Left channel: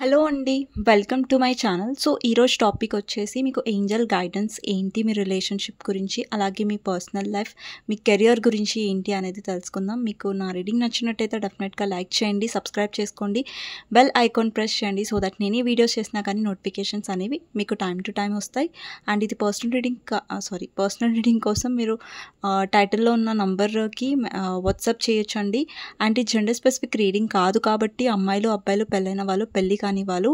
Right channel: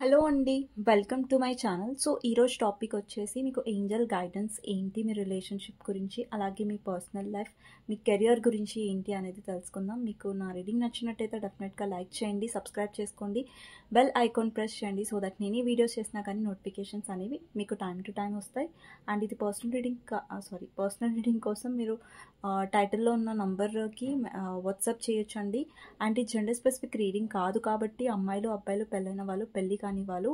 Hello అండి. Welcome to my channel. So, ఈరోజు topic వచ్చేసి మీకు ఏంజెల్ గైడెన్స్ ఏంటి, మీ రిలేషన్‌షిప్ గురించి, అలాగే మీ పర్సనల్ లైఫ్, మీ కెరియర్ గురించి ఏంటి అనేది తెలుసుకుందాం. మీకు నా రీడింగ్ నచ్చినట్టయితే డెఫినెట్‌గా లైక్ చేయండి, సబ్స్క్రైబ్ చేసుకోండి, బెల్ ఐకాన్ ప్రెస్ చేయండి. సో దట్ నేను ఈ వీడియోస్ చేసినా కానీ నోటిఫికేషన్స్ అనేవి మీకు టైమ్ టు టైమ్ వస్తాయి. అండ్ ఇది పర్సనల్ రీడింగ్ కోసం మీరు టైటిల్‌లో ఉన్న నంబర్‌కి వాట్సాప్ చేయొచ్చండి. అండ్ ఇది జెండర్ స్పెసిఫిక్ రీడింగ్ కాదు కాబట్టి అమ్మాయిలు, అబ్బాయిలు, పెళ్ళైన వాళ్ళు, పెళ్లి కాని వాళ్ళు,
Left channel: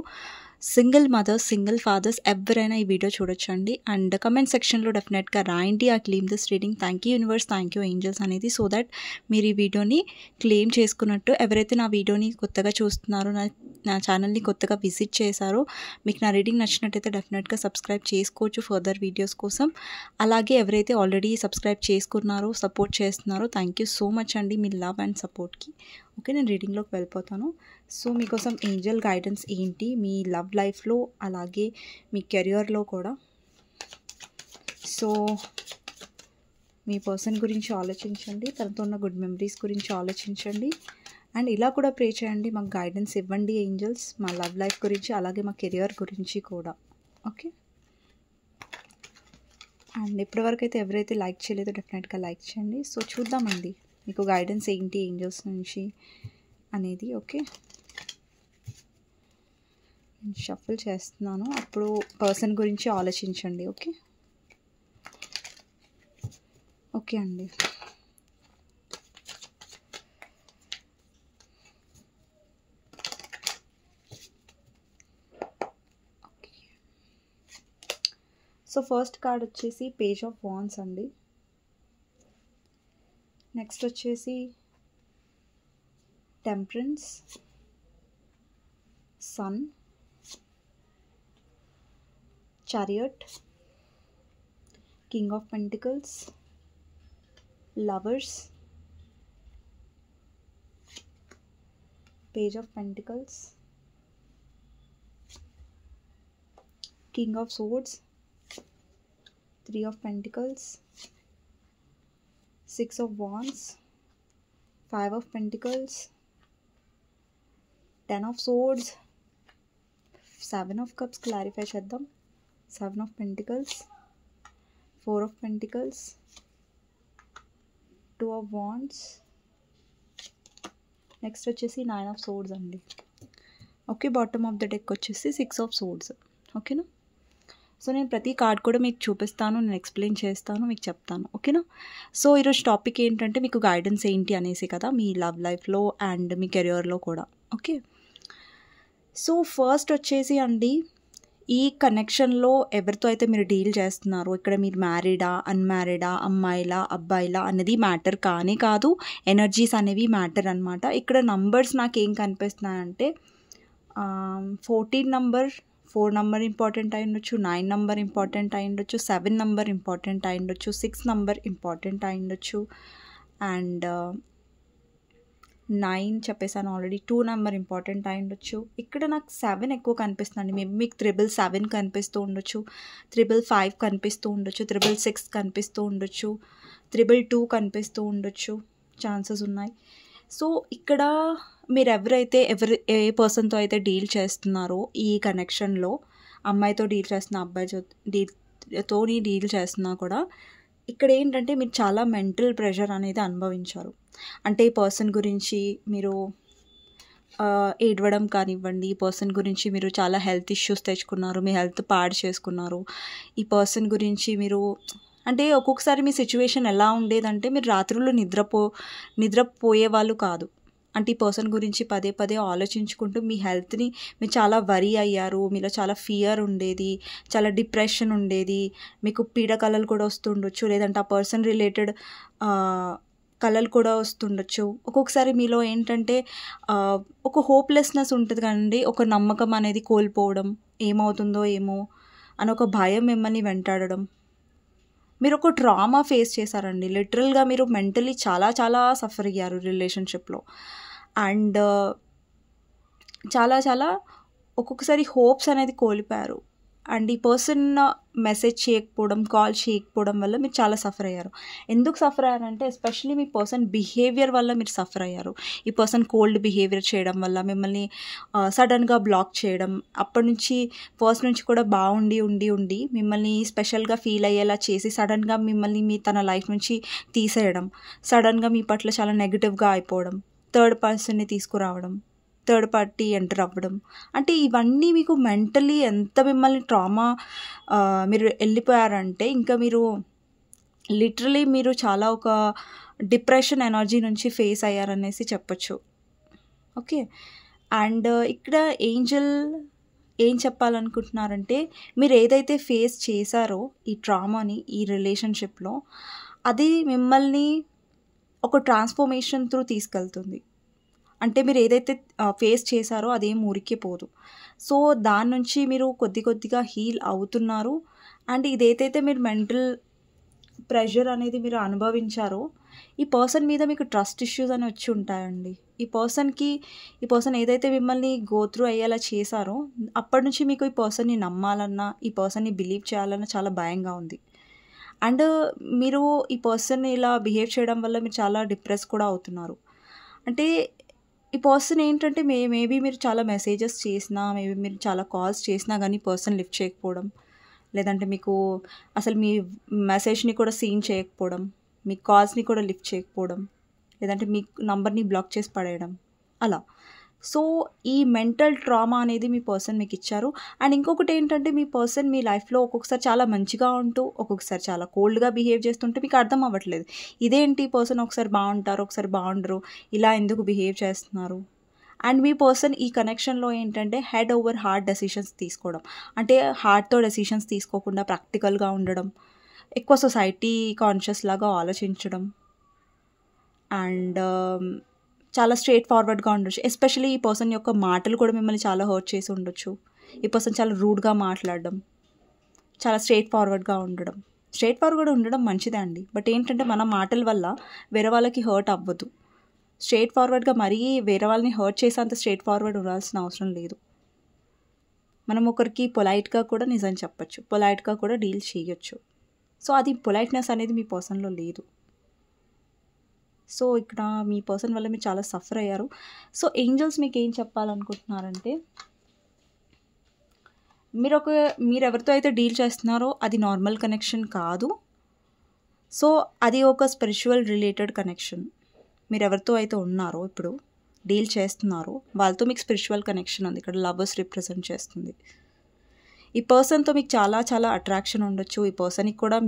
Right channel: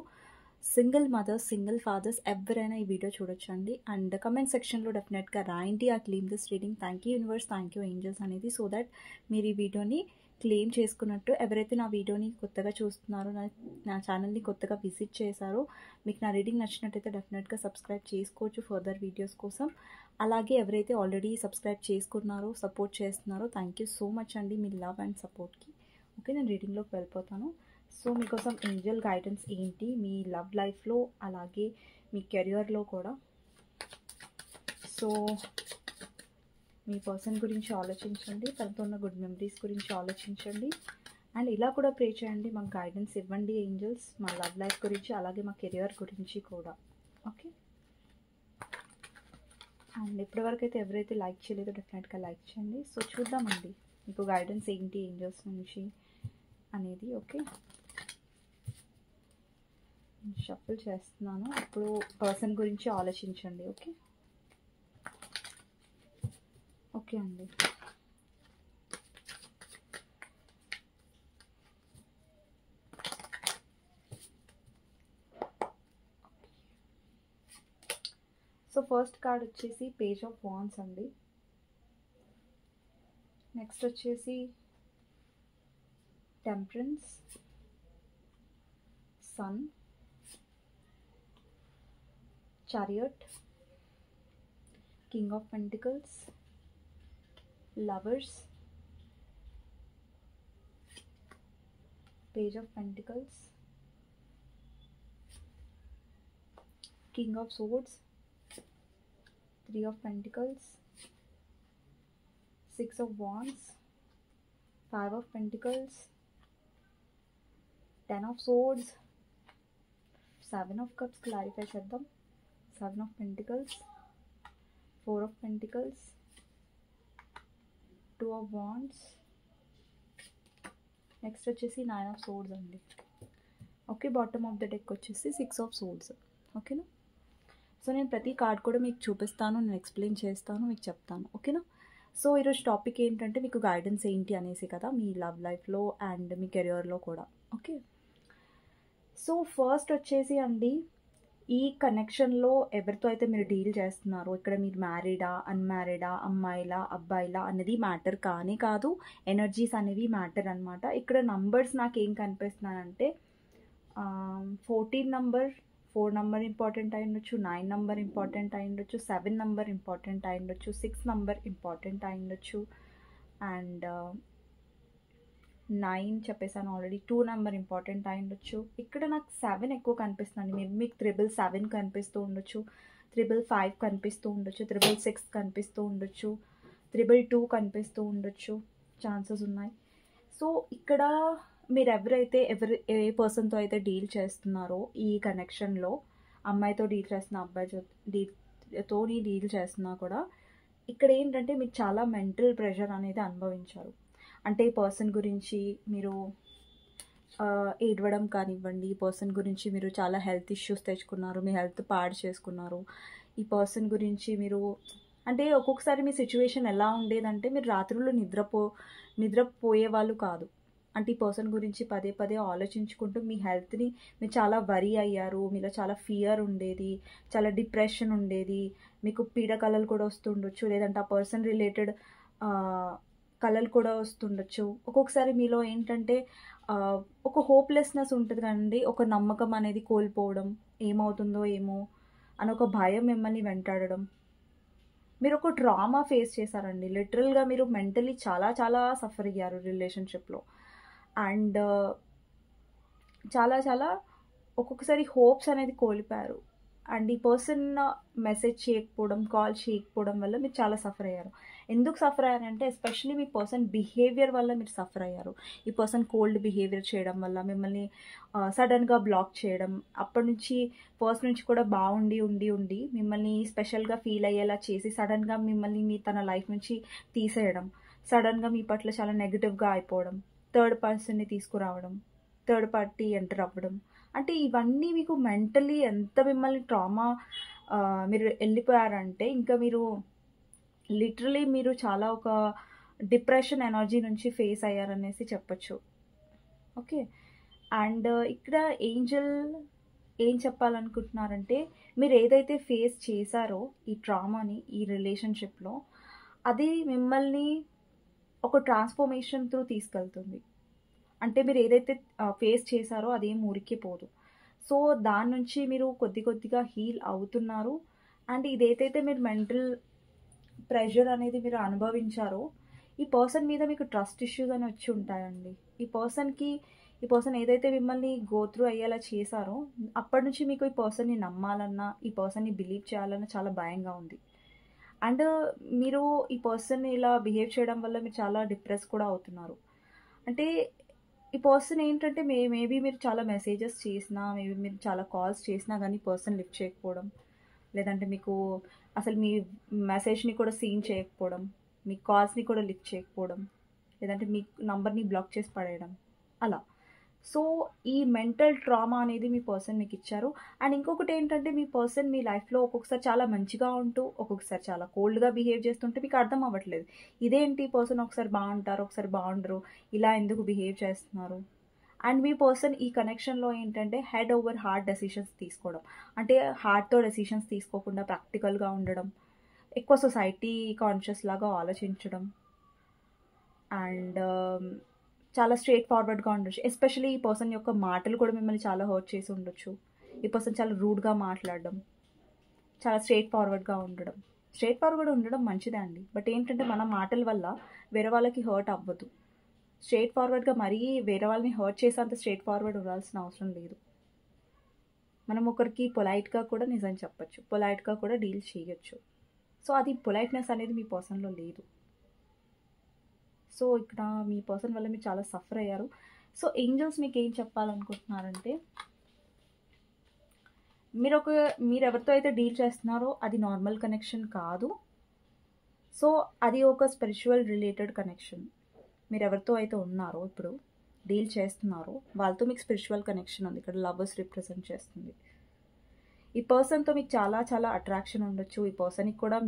సింగిల్ మదర్స్, సింగిల్ ఫాదర్స్ ఎవరైనా ఈ వీడియో చూడొచ్చండి. అండ్ కమెంట్ సెక్షన్లో డెఫినెట్గా రాయండి I claim this reading, thank you universe, thank you angels అనేది, సో దట్ మీరు ఈ వీడియోని క్లెయిమ్ చేసుకున్నట్టు. ఎవరైతే నా వీడియోని కొత్తగా చూస్తున్నారో, నా ఛానల్ని కొత్తగా విజిట్ చేశారో, మీకు నా రీడింగ్ నచ్చినట్టయితే డెఫినెట్గా సబ్స్క్రైబ్ చేసుకోవచ్చు ఫర్దర్ వీడియోస్ కోసం. అలాగే ఎవరైతే ఆల్రెడీ సబ్స్క్రైబ్ చేసుకున్నారో, సపోర్ట్ చేస్తున్నారో, థ్యాంక్ యూ సో మచ్ అండి మీ లవ్ అండ్ సపోర్ట్కి. ఓకే, నేను రీడింగ్లోకి వెళ్ళిపోతాను. సో మీకోసం ఏంజల్ గైడెన్స్ ఏంటి మీ లవ్ లైఫ్లో, అలాగే మీ కెరియర్లో కూడా. సో మీ పర్సన్ గురించి ఆలోచించండి, తనతో ఉన్న గుడ్ మెమరీస్ గురించి ఆలోచించండి. అండ్ ఇలా కూడా ప్రే చేయండి, మాకు గైడెన్స్ ఇవ్వండి ఏంజల్స్, మా లవ్ లైఫ్ గురించి, అలాగే మా కెరియర్ గురించి కూడా. ఓకే, అండ్ ఇప్పటివరకు అయితే ఎవరైతే లైక్ చేయలేదో డెఫినెట్గా లైక్ చేయండి. సో చూద్దామండి మీకు గైడెన్స్ ఏంటి ఏంజల్స్ నుంచి అనేది. ఓకే, షఫుల్ చేస్తున్నాను, అప్పుడు పర్సన్ గురించి ఆలోచించండి. ఓకే ఓకే అండి. సో ఫస్ట్ కార్డ్ వచ్చేసి పేజ్ ఆఫ్ వాండ్స్ అండి. నెక్స్ట్ వచ్చేసి temperance, sun, chariot, king of pentacles, lovers, page of pentacles, king of swords, 3 of pentacles, 6 of wands, 5 of pentacles, 10 of swords, 7 of cups. Clarify చేద్దాం. 7 of pentacles, 4 of pentacles, 2 of wands, next వచ్చేసి 9 of swords అండి. Okay, bottom of the deck వచ్చేసి 6 of swords. ఓకేనా. So నేను ప్రతి card కూడా మీకు చూపిస్తాను, నేను ఎక్స్ప్లెయిన్ చేస్తాను, మీకు చెప్తాను. ఓకేనా. సో ఈరోజు టాపిక్ ఏంటంటే మీకు గైడెన్స్ ఏంటి అనేసి కదా, మీ లవ్ లైఫ్లో అండ్ మీ కెరియర్లో కూడా. ఓకే, సో ఫస్ట్ వచ్చేసి అండి, ఈ కనెక్షన్లో ఎవరితో అయితే మీరు డీల్ చేస్తున్నారో, ఇక్కడ మీరు మ్యారీడా, అన్మ్యారీడా, అమ్మాయిలా, అబ్బాయిలా అనేది మ్యాటర్ కానీ కాదు, ఎనర్జీస్ అనేవి మ్యాటర్ అనమాట. ఇక్కడ నంబర్స్ నాకు ఏం కనిపిస్తున్నాయంటే 14 నంబర్, 4 నంబర్ ఇంపార్టెంట్ అయి ఉండొచ్చు, 9 నంబర్ ఇంపార్టెంట్ అయి ఉండొచ్చు, 7 నంబర్ ఇంపార్టెంట్ అయి ఉండొచ్చు, 6 నంబర్ ఇంపార్టెంట్ అయి ఉండొచ్చు, అండ్ 9 చెప్పేసాను ఆల్రెడీ, 2 నెంబర్ ఇంపార్టెంట్ అయి ఉండొచ్చు. ఇక్కడ నాకు 7 ఎక్కువ కనిపిస్తుందండి. మేబీ మీకు 777 కనిపిస్తూ ఉండొచ్చు, 555 కనిపిస్తూ ఉండొచ్చు, 666 కనిపిస్తూ ఉండొచ్చు, 222 కనిపిస్తూ ఉండొచ్చు, ఛాన్సెస్ ఉన్నాయి. సో ఇక్కడ మీరు ఏ పర్సన్తో అయితే డీల్ చేస్తున్నారో ఈ కనెక్షన్లో, అమ్మాయితో డీల్ చేస్తున్నా, అబ్బాయితో డీల్ చేస్తున్నా కూడా, ఇక్కడ ఏంటంటే మీరు చాలా మెంటల్ ప్రెషర్ అనేది అనుభవించారు. అంటే ఈ పర్సన్ గురించి మీరు ఏడవడం కానివ్వండి, ఈ పర్సన్ గురించి మీరు చాలా హెల్త్ ఇష్యూస్ తెచ్చుకున్నారు, మీ హెల్త్ పాడు చేసుకున్నారు. ఈ పర్సన్ గురించి మీరు అంటే ఒక్కొక్కసారి మీ సిచ్యువేషన్ ఎలా ఉండేదంటే, మీరు రాత్రులు నిద్రపోయే వాళ్ళు కాదు. అంటే ఈ పర్సన్ గురించి పదే పదే ఆలోచించుకుంటూ మీ హెల్త్ని మీరు చాలా వరీ అయ్యారు, మీలో చాలా ఫియర్ ఉండేది, చాలా డిప్రెషన్ ఉండేది, మీకు పీడ కళలు కూడా వస్తుండొచ్చు, లేదంటే ఆ పర్సన్ రిలేటెడ్ కళలు కూడా వస్తుండొచ్చు. ఒక్కొక్కసారి మీలో ఏంటంటే ఒక హోప్లెస్నెస్ ఉంటుంది కదండి, ఒక నమ్మకం అనేది కోల్పోవడం, ఏమవుతుందో ఏమో అని ఒక భయం మిమ్మల్ని వెంటాడడం. మీరు ఒక ట్రామా ఫేస్ చేశారండి. లిటరల్గా మీరు మెంటలీ చాలా చాలా సఫర్ అయ్యారు రిలేషన్షిప్లో. అండ్ చాలా చాలా ఒక్కొక్కసారి హోప్స్ అనేది కోల్పోయారు. అండ్ ఈ పర్సన్ మెసేజ్ చేయకపోవడం, కాల్ చేయకపోవడం వల్ల మీరు చాలా సఫర్ అయ్యారు. ఎందుకు సఫర్ అయ్యారంటే ఎస్పెషల్లీ మీ పర్సన్ బిహేవియర్ వల్ల మీరు సఫర్ అయ్యారు. ఈ పర్సన్ కోల్డ్ బిహేవియర్ చేయడం వల్ల మిమ్మల్ని సడన్గా బ్లాక్ చేయడం, అప్పటి నుంచి ఫస్ట్ నుంచి కూడా బాగుండి ఉండి ఉండి మిమ్మల్ని స్పెషల్గా ఫీల్ అయ్యేలా చేసి సడన్గా మిమ్మల్ని తన లైఫ్ నుంచి తీసేయడం, సడన్గా మీ పట్ల చాలా నెగిటివ్గా అయిపోవడం, థర్డ్ పర్సన్ని తీసుకురావడం, థర్డ్ పార్టీ ఎంటర్ అవ్వడం, అంటే ఇవన్నీ మీకు మెంటలీ ఎంత మిమ్మల్ని ట్రామా మీరు వెళ్ళిపోయారంటే ఇంకా మీరు లిటరలీ మీరు చాలా ఒక డిప్రెషన్ ఎనర్జీ నుంచి ఫేస్ అయ్యారనేసి చెప్పొచ్చు. ఓకే. అండ్ ఇక్కడ ఏంజల్ ఏం చెప్పాలనుకుంటున్నారంటే మీరు ఏదైతే ఫేస్ చేశారో ఈ ట్రామాని ఈ రిలేషన్షిప్లో, అది మిమ్మల్ని ఒక ట్రాన్స్ఫర్మేషన్ త్రూ తీసుకెళ్తుంది. అంటే మీరు ఏదైతే ఫేస్ చేశారో అదేం ఊరికే పోదు. సో దాని నుంచి మీరు కొద్దిగా హీల్ అవుతున్నారు. అండ్ ఇదేదైతే మీరు మెంటల్ ప్రెషర్ అనేది మీరు అనుభవించారో, ఈ పర్సన్ మీద మీకు ట్రస్ట్ ఇష్యూస్ అని వచ్చి ఉంటాయండి. ఈ పర్సన్ ఏదైతే మిమ్మల్ని గో త్రూ అయ్యేలా చేశారో, అప్పటి నుంచి మీకు ఈ పర్సన్ని నమ్మాలన్నా, ఈ పర్సన్ని బిలీవ్ చేయాలన్నా చాలా భయంగా ఉంది. అండ్ మీరు ఈ పర్సన్ ఇలా బిహేవ్ చేయడం వల్ల మీరు చాలా డిప్రెస్ కూడా అవుతున్నారు. అంటే ఈ పర్సన్ ఏంటంటే మేబీ మీరు చాలా మెసేజెస్ చేసినా, మేబీ మీరు చాలా కాల్స్ చేసినా కానీ పర్సన్ లిఫ్ట్ చేయకపోవడం, లేదంటే మీకు అసలు మీ మెసేజ్ని కూడా సీన్ చేయకపోవడం, మీ కాల్స్ని కూడా లిఫ్ట్ చేయకపోవడం, లేదంటే మీ నంబర్ని బ్లాక్ చేసి పడేయడం అలా. సో ఈ మెంటల్ ట్రామా అనేది మీ పర్సన్ మీకు ఇచ్చారు. అండ్ ఇంకొకటి ఏంటంటే మీ పర్సన్ మీ లైఫ్లో ఒక్కొక్కసారి చాలా మంచిగా ఉంటూ ఒక్కొక్కసారి చాలా కోల్డ్గా బిహేవ్ చేస్తుంటే మీకు అర్థం అవ్వట్లేదు. ఇదేంటి పర్సన్ ఒకసారి బాగుంటారు, ఒకసారి బాగుండరు, ఇలా ఎందుకు బిహేవ్ చేస్తున్నారు. అండ్ మీ పర్సన్ ఈ కనెక్షన్లో ఏంటంటే హెడ్ ఓవర్ హార్ట్ డెసిషన్స్ తీసుకోవడం, అంటే హార్ట్తో డెసిషన్స్ తీసుకోకుండా ప్రాక్టికల్గా ఉండడం, ఎక్కువ సొసైటీ కాన్షియస్ లాగా ఆలోచించడం, అండ్ చాలా స్ట్రేట్ ఫార్వర్డ్గా ఉండొచ్చు. ఎస్పెషల్లీ ఈ పర్సన్ యొక్క మాటలు కూడా మిమ్మల్ని చాలా హర్ట్ చేసి ఉండొచ్చు. ఈ పర్సన్ చాలా రూడ్గా మాట్లాడడం, చాలా స్ట్రేట్ ఫార్వర్డ్గా ఉండడం మంచిదే అండి. బట్ ఏంటంటే మన మాటల వల్ల వేరే వాళ్ళకి హర్ట్ అవ్వదు. స్ట్రేట్ ఫార్వర్డ్గా మరీ వేరే వాళ్ళని హర్ట్ చేసేంత స్ట్రేట్ ఫార్వర్డ్ ఉండాల్సిన అవసరం లేదు. మనం ఒకరికి పొలైట్గా కూడా నిజం చెప్పచ్చు, పొలైట్గా కూడా డీల్ చేయొచ్చు. సో అది పొలైట్నెస్ అనేది మీ పర్సన్లో లేదు. సో ఇక్కడ మీ పర్సన్ వల్ల మీరు చాలా సఫర్ అయ్యారు. సో ఏంజల్స్ మీకు ఏం చెప్పాలనుకుంటున్నారంటే, మీరు ఎవరితో అయితే డీల్ చేస్తున్నారో అది నార్మల్ కనెక్షన్ కాదు. సో అది ఒక స్పిరిచువల్ రిలేటెడ్ కనెక్షన్. మీరు ఎవరితో అయితే ఉన్నారో ఇప్పుడు డీల్ చేస్తున్నారో వాళ్ళతో మీకు స్పిరిచువల్ కనెక్షన్ ఉంది. ఇక్కడ లవర్స్ రిప్రజెంట్ చేస్తుంది. ఈ పర్సన్తో మీకు చాలా చాలా అట్రాక్షన్ ఉండొచ్చు. ఈ పర్సన్కి కూడా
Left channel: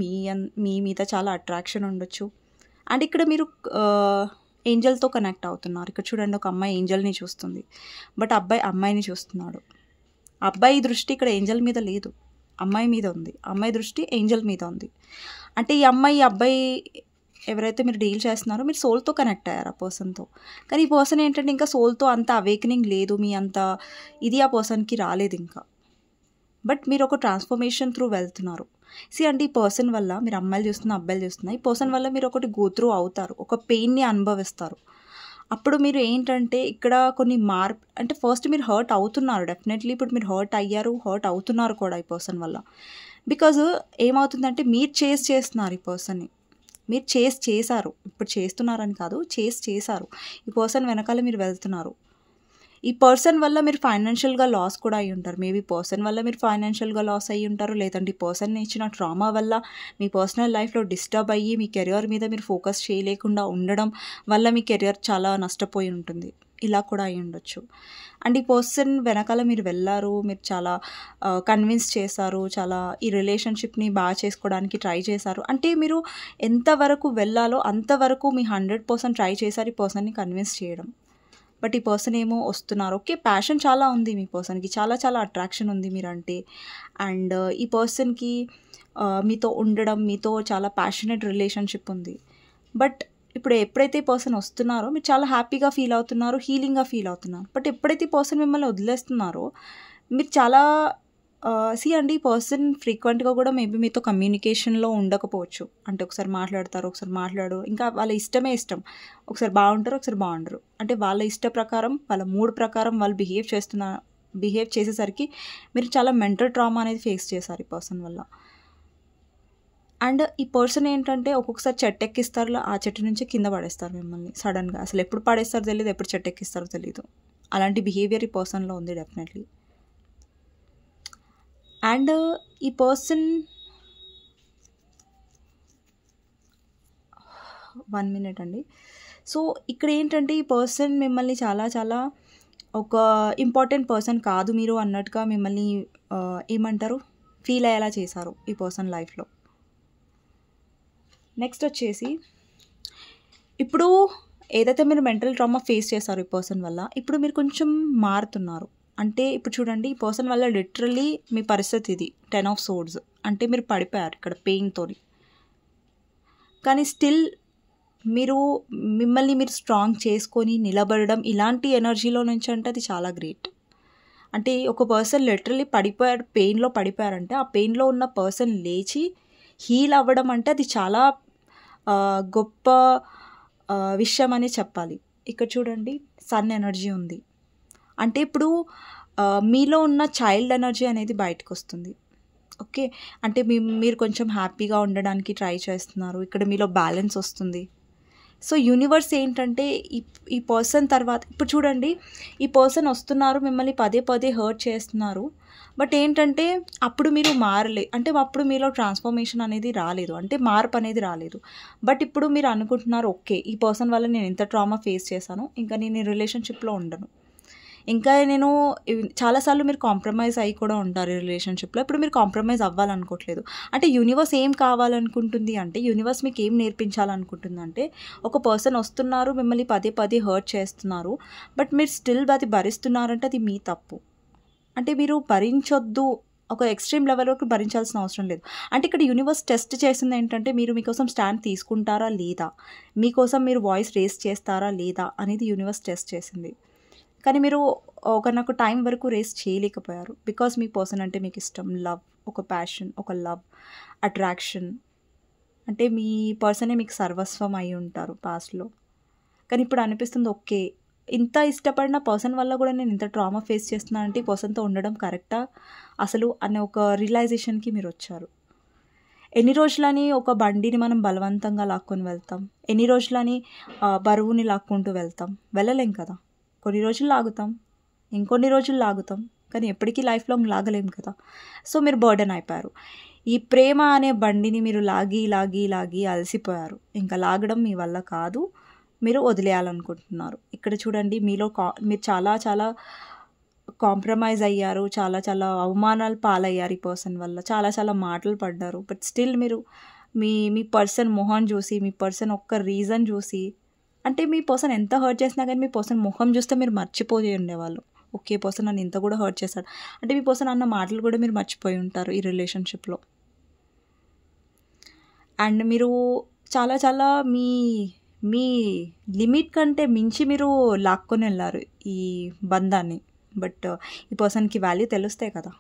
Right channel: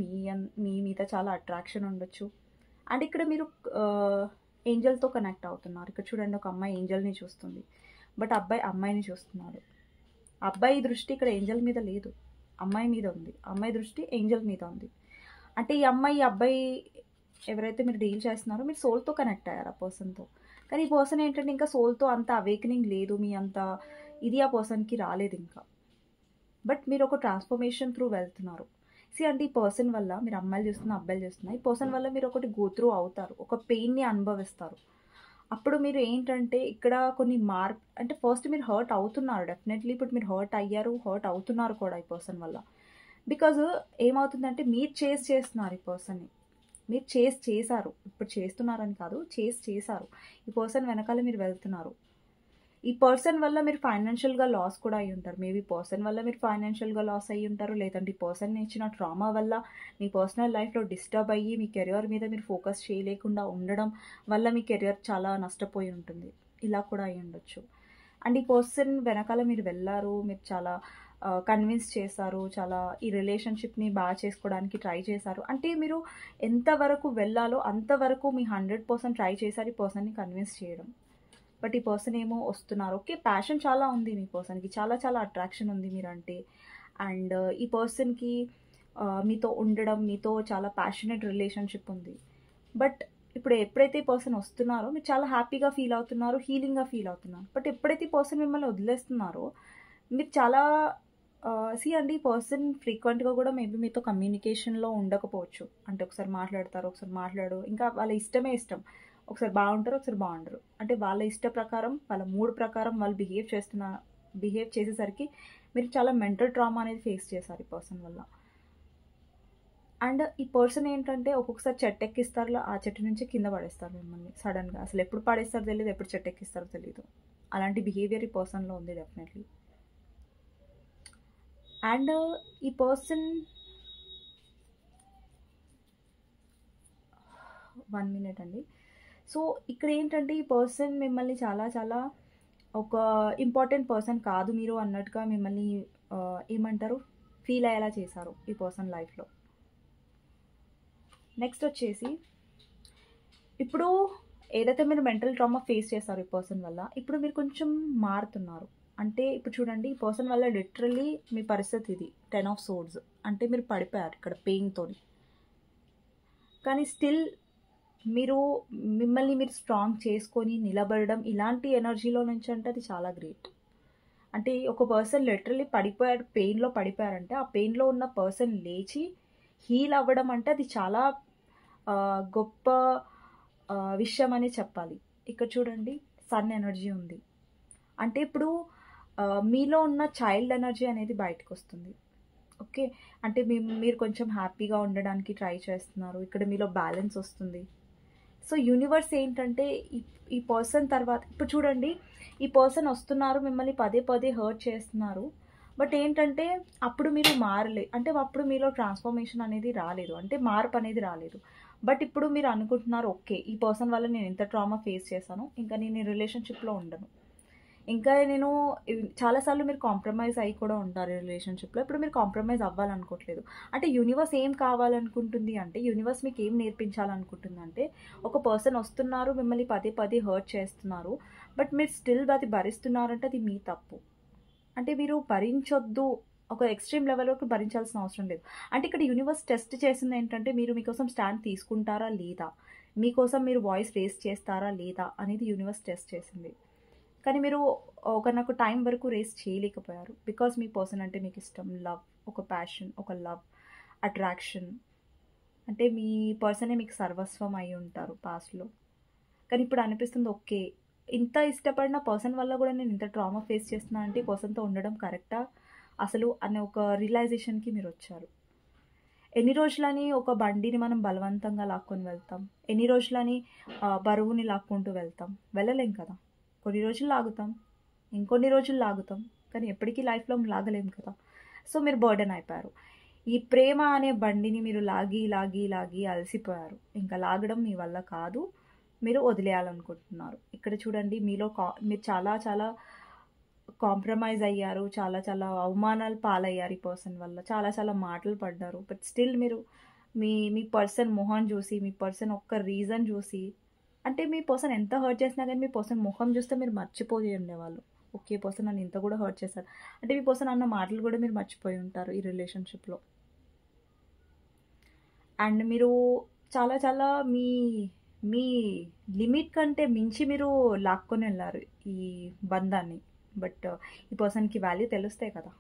మీ మీద చాలా అట్రాక్షన్ ఉండొచ్చు. అండ్ ఇక్కడ మీరు ఏంజల్తో కనెక్ట్ అవుతున్నారు. ఇక్కడ చూడండి, ఒక అమ్మాయి ఏంజల్ని చూస్తుంది, బట్ అబ్బాయి అమ్మాయిని చూస్తున్నాడు. అబ్బాయి దృష్టి ఇక్కడ ఏంజల్ మీద లేదు, అమ్మాయి మీద ఉంది. అమ్మాయి దృష్టి ఏంజల్ మీద ఉంది. అంటే ఈ అబ్బాయి ఎవరైతే మీరు డీల్ చేస్తున్నారో మీరు సోల్తో కనెక్ట్ అయ్యారు ఆ పర్సన్తో. కానీ ఈ పర్సన్ ఏంటంటే ఇంకా సోల్తో అంత అవేకనింగ్ లేదు, మీ అంత ఇది ఆ పర్సన్కి రాలేదు ఇంకా. బట్ మీరు ఒక ట్రాన్స్ఫర్మేషన్ త్రూ వెళ్తున్నారు. అంటే ఈ పర్సన్ వల్ల మీరు అమ్మాయిలు చూస్తున్నా అబ్బాయిలు చూస్తున్నా, ఈ పర్సన్ వల్ల మీరు ఒకటి గో త్రూ అవుతారు, ఒక పెయిన్ని అనుభవిస్తారు. అప్పుడు మీరు ఏంటంటే ఇక్కడ కొన్ని అంటే ఫస్ట్ మీరు హర్ట్ అవుతున్నారు డెఫినెట్లీ. ఇప్పుడు మీరు హర్ట్ అవుతున్నారు కూడా ఈ పర్సన్ వల్ల. బికాజ్ ఏమవుతుందంటే మీరు చేస్తున్నారు ఈ పర్సన్ని, మీరు చేశారు. ఇప్పుడు చేస్తున్నారని కాదు, చేశారు. ఈ పర్సన్ వెనకాల మీరు వెళ్తున్నారు. ఈ పర్సన్ వల్ల మీరు ఫైనాన్షియల్గా లాస్ కూడా అయ్యి ఉంటారు. మేబీ పర్సన్ వల్ల మీరు ఫైనాన్షియల్గా లాస్ అయ్యి ఉంటారు, లేదంటే ఈ పర్సన్ ఇచ్చిన ట్రామా వల్ల మీ పర్సనల్ లైఫ్లో డిస్టర్బ్ అయ్యి మీ కెరియర్ మీద మీరు ఫోకస్ చేయలేకుండా ఉండడం వల్ల మీ కెరియర్ చాలా నష్టపోయి ఉంటుంది. ఇలా కూడా అయ్యి ఉండొచ్చు. అండ్ ఈ పర్సన్ వెనకాల మీరు వెళ్ళారు, మీరు చాలా కన్విన్స్ చేశారు, చాలా ఈ రిలేషన్షిప్ని బాగా చేసుకోవడానికి ట్రై చేశారు. అంటే మీరు ఎంతవరకు వెళ్ళాలో అంతవరకు మీ 100% ట్రై చేశారు ఈ పర్సన్ని కన్విన్స్ చేయడం. బట్ ఈ పర్సన్ ఏమో వస్తున్నారు. ఓకే, ప్యాషన్ చాలా ఉంది మీ పర్సన్కి, చాలా చాలా అట్రాక్షన్ ఉంది మీరంటే. అండ్ ఈ పర్సన్కి మీతో ఉండడం, మీతో చాలా ప్యాషనెట్ రిలేషన్షిప్ ఉంది. బట్ ఇప్పుడు ఎప్పుడైతే ఈ పర్సన్ వస్తున్నారో మీరు చాలా హ్యాపీగా ఫీల్ అవుతున్నారు, హీలింగ్గా ఫీల్ అవుతున్నారు. బట్ ఎప్పుడైతే ఈ పర్సన్ మిమ్మల్ని వదిలేస్తున్నారో మీరు చాలా అండి ఈ పర్సన్ ఫ్రీక్వెంట్గా కూడా మేబీ మీతో కమ్యూనికేషన్లో ఉండకపోవచ్చు. అంటే ఒకసారి మాట్లాడతారు, ఒకసారి మాట్లాడు, ఇంకా వాళ్ళ ఇష్టం. ఒకసారి బాగుంటారు, ఒకసారి బాగుండరు. అంటే వాళ్ళ ఇష్ట ప్రకారం, వాళ్ళ మూడ్ ప్రకారం వాళ్ళు బిహేవ్ బిహేవ్ చేసేసరికి మీరు చాలా మెంటల్ ట్రామా అనేది ఫేస్ చేశారు ఈ పర్సన్ వల్ల. అండ్ ఈ పర్సన్ ఏంటంటే ఒక్కొక్కసారి చెట్టు ఎక్కిస్తారు, ఆ చెట్టు నుంచి కింద పడేస్తారు మిమ్మల్ని సడన్గా. అసలు ఎప్పుడు పడేస్తారో తెలియదు, ఎప్పుడు చెట్టు ఎక్కిస్తారో తెలియదు. అలాంటి బిహేవియర్ ఈ పర్సన్లో ఉంది డెఫినెట్లీ. అండ్ ఈ పర్సన్ 1 మినిట్ అండి. సో ఇక్కడ ఏంటంటే ఈ పర్సన్ మిమ్మల్ని చాలా చాలా ఒక ఇంపార్టెంట్ పర్సన్ కాదు మీరు అన్నట్టుగా మిమ్మల్ని ఏమంటారు ఫీల్ అయ్యేలా చేశారు ఈ పర్సన్ లైఫ్లో. నెక్స్ట్ వచ్చేసి ఇప్పుడు ఏదైతే మీరు మెంటల్ ట్రామా ఫేస్ చేశారు ఈ పర్సన్ వల్ల, ఇప్పుడు మీరు కొంచెం మారుతున్నారు. అంటే ఇప్పుడు చూడండి, ఈ పర్సన్ వల్ల లిటరల్లీ మీ పరిస్థితి ఇది 10 ఆఫ్ సోర్డ్స్. అంటే మీరు పడిపోయారు ఇక్కడ పెయిన్తోని, కానీ స్టిల్ మీరు మిమ్మల్ని మీరు స్ట్రాంగ్ చేసుకొని నిలబడడం ఇలాంటి ఎనర్జీలో నుంచి అంటే అది చాలా గ్రేట్. అంటే ఒక పర్సన్ లిటరల్లీ పడిపోయారు, పెయిన్లో పడిపోయారంటే ఆ పెయిన్లో ఉన్న పర్సన్ లేచి హీల్ అవ్వడం అంటే అది చాలా గొప్ప విషయం అని చెప్పాలి. ఇక్కడ చూడండి సన్ ఎనర్జీ ఉంది. అంటే ఇప్పుడు మీలో ఉన్న చైల్డ్ ఎనర్జీ అనేది బయటకు వస్తుంది. ఓకే, అంటే మీరు కొంచెం హ్యాపీగా ఉండడానికి ట్రై చేస్తున్నారు. ఇక్కడ మీలో బ్యాలెన్స్ వస్తుంది. సో యూనివర్స్ ఏంటంటే ఈ పర్సన్ తర్వాత ఇప్పుడు చూడండి, ఈ పర్సన్ వస్తున్నారు, మిమ్మల్ని పదే పదే హర్ట్ చేస్తున్నారు. బట్ ఏంటంటే అప్పుడు మీరు మారలే, అంటే అప్పుడు మీలో ట్రాన్స్ఫర్మేషన్ అనేది రాలేదు, అంటే మార్పు అనేది రాలేదు. బట్ ఇప్పుడు మీరు అనుకుంటున్నారు, ఓకే ఈ పర్సన్ వల్ల నేను ఇంత ట్రామా ఫేస్ చేశాను, ఇంకా నేను ఈ రిలేషన్షిప్లో ఉండను. ఇంకా నేను చాలాసార్లు మీరు కాంప్రమైజ్ అయ్యి కూడా ఉంటారు ఈ రిలేషన్షిప్లో. ఇప్పుడు మీరు కాంప్రమైజ్ అవ్వాలనుకోవట్లేదు. అంటే యూనివర్స్ ఏం కావాలనుకుంటుంది అంటే, యూనివర్స్ మీకు ఏం నేర్పించాలనుకుంటుంది అంటే, ఒక పర్సన్ వస్తున్నారు, మిమ్మల్ని పదే పదే హర్ట్ చేస్తున్నారు, బట్ మీరు స్టిల్ అది భరిస్తున్నారంటే అది మీ తప్పు. అంటే మీరు భరించొద్దు, ఒక ఎక్స్ట్రీమ్ లెవెల్ వరకు భరించాల్సిన అవసరం లేదు. అంటే ఇక్కడ యూనివర్స్ టెస్ట్ చేసింది ఏంటంటే, మీరు మీకోసం స్టాండ్ తీసుకుంటారా లేదా, మీకోసం మీరు వాయిస్ రేస్ చేస్తారా లేదా అనేది యూనివర్స్ టెస్ట్ చేసింది. కానీ మీరు ఒకనొక టైం వరకు రేస్ చేయలేకపోయారు. బికాస్ మీ పర్సన్ అంటే మీకు ఇష్టం, లవ్, ఒక ప్యాషన్, ఒక లవ్, అట్రాక్షన్. అంటే మీ పర్సనే మీకు సర్వస్వం అయి ఉంటారు పాస్ట్లో. కానీ ఇప్పుడు అనిపిస్తుంది, ఓకే ఇంత ఇష్టపడిన పర్సన్ వల్ల కూడా నేను ఇంత ట్రామా ఫేస్ చేస్తున్నాను అంటే ఈ పర్సన్తో ఉండడం కరెక్టా అసలు అనే ఒక రియలైజేషన్కి మీరు వచ్చారు. ఎన్ని రోజులని ఒక బండిని మనం బలవంతంగా లాక్కొని వెళ్తాం? ఎన్ని రోజులని బరువుని లాక్కుంటూ వెళ్తాం? వెళ్ళలేం కదా. కొన్ని రోజులు లాగుతాం, ఇంకొన్ని రోజులు లాగుతాం, కానీ ఎప్పటికీ లైఫ్ లాంగ్ లాగలేం కదా. సో మీరు బర్డెన్ అయిపోయారు. ఈ ప్రేమ అనే బండిని మీరు లాగి లాగి లాగి అలసిపోయారు. ఇంకా లాగడం మీ వల్ల కాదు, మీరు వదిలేయాలనుకుంటున్నారు. ఇక్కడ చూడండి, మీలో మీరు చాలా చాలా కాంప్రమైజ్ అయ్యారు, చాలా చాలా అవమానాలు పాలయ్యారు ఈ పర్సన్ వల్ల, చాలా చాలా మాటలు పడ్డారు. బట్ స్టిల్ మీరు మీ పర్సన్ మొహం చూసి, మీ పర్సన్ ఒక్క రీజన్ చూసి, అంటే మీ పర్సన్ ఎంత హర్ట్ చేసినా కానీ మీ పర్సన్ మొహం చూస్తే మీరు మర్చిపోయి ఉండేవాళ్ళు. ఓకే పర్సన్ నన్ను ఇంత కూడా హర్ట్ చేశాడు అంటే మీ పర్సన్ అన్న మాటలు కూడా మీరు మర్చిపోయి ఉంటారు ఈ రిలేషన్షిప్లో. అండ్ మీరు చాలా చాలా మీ లిమిట్ కంటే మించి మీరు లాక్కొని వెళ్ళారు ఈ బంధాన్ని. బట్ ఈ పర్సన్కి వాల్యూ తెలుస్తాయి కదా.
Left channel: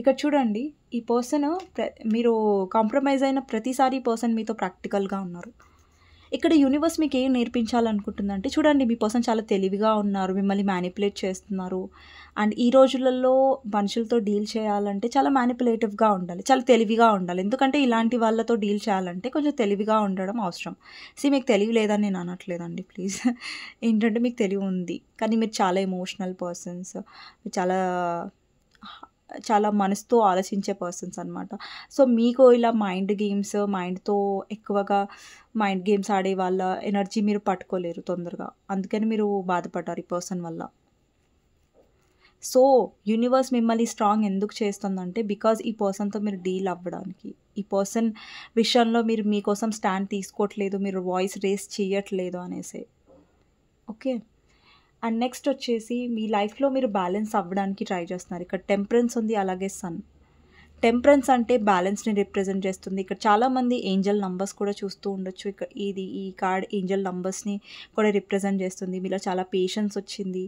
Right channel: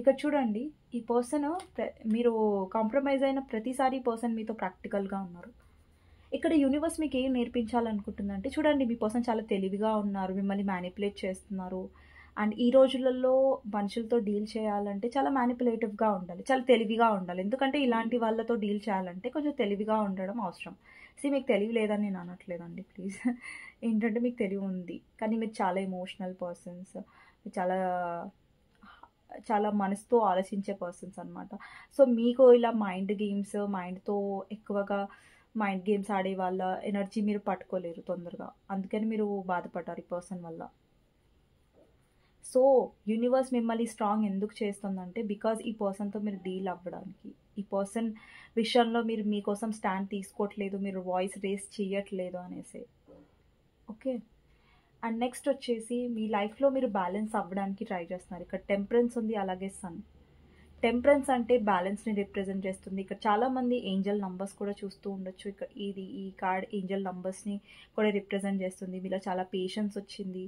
ఇక్కడ చూడండి, ఈ పర్సన్ మీరు కాంప్రమైజ్ అయిన ప్రతిసారి ఈ పర్సన్ మీతో ప్రాక్టికల్గా ఉన్నారు. ఇక్కడ యూనివర్స్ మీకు ఏం నేర్పించాలనుకుంటుందంటే, చూడండి మీ పర్సన్ చాలా తెలివిగా ఉన్నారు, మిమ్మల్ని మ్యానిపులేట్ చేస్తున్నారు. అండ్ ఈ రోజులలో మనుషులతో డీల్ చేయాలంటే చాలా మ్యానిపులేటివ్గా ఉండాలి, చాలా తెలివిగా ఉండాలి. ఎందుకంటే ఇలాంటి వాళ్ళతో డీల్ చేయాలంటే కొంచెం తెలివిగా ఉండడం అవసరం. మీకు తెలివి లేదని నేను అనట్లేదండి, ప్లీజ్. ఏంటంటే మీకు తెలివి ఉంది, కానీ మీరు చాలా ఎమోషనల్ పర్సన్స్, చాలా చాలా మనసుతో ఆలోచించే పర్సన్స్ అనమాట. సో మీకు ఇలా మైండ్తో ఎక్కువగా మైండ్ గేమ్స్ ఆడే వాళ్ళ ఎనర్జీ మీరు పట్టుకోలేరు తొందరగా, అందుకని మీరు బాధపడ్డారు ఈ పర్సన్ వల్ల. సో యూనివర్స్ మిమ్మల్ని స్ట్రాంగ్ ఎందుకు చేస్తుందంటే, బికాజ్ ఈ పర్సన్తో మీరు డీల్ అవ్వడానికి, ఈ పర్సన్ విషయంలో మీరు మీకోసం స్టాండ్ తీసుకోవట్లేదు, మీరు వాయిస్ రేస్ చేయట్లేదు అనేసి. ఓకే, అండ్ నెక్స్ట్ వచ్చేసి మీ లైఫ్లో మీరు బ్యాలెన్స్ అవ్వడానికి ట్రై చేస్తున్నారు. ఇక్కడ టెంపరెన్స్ ఉంది, అలాగే సన్. టెంపరెన్స్ అంటే బ్యాలెన్స్ని రిప్రజెంట్ చేస్తుంది. ఇక్కడ చాలామంది ఏంజల్ నంబర్స్ కూడా చూస్తూ ఉండొచ్చు. ఇక్కడ ఈ కార్డ్ ఏంజల్ నంబర్స్ని కూడా రిప్రజెంట్ చేస్తుంది. మీలో చాలా పేషెన్స్ వచ్చింది.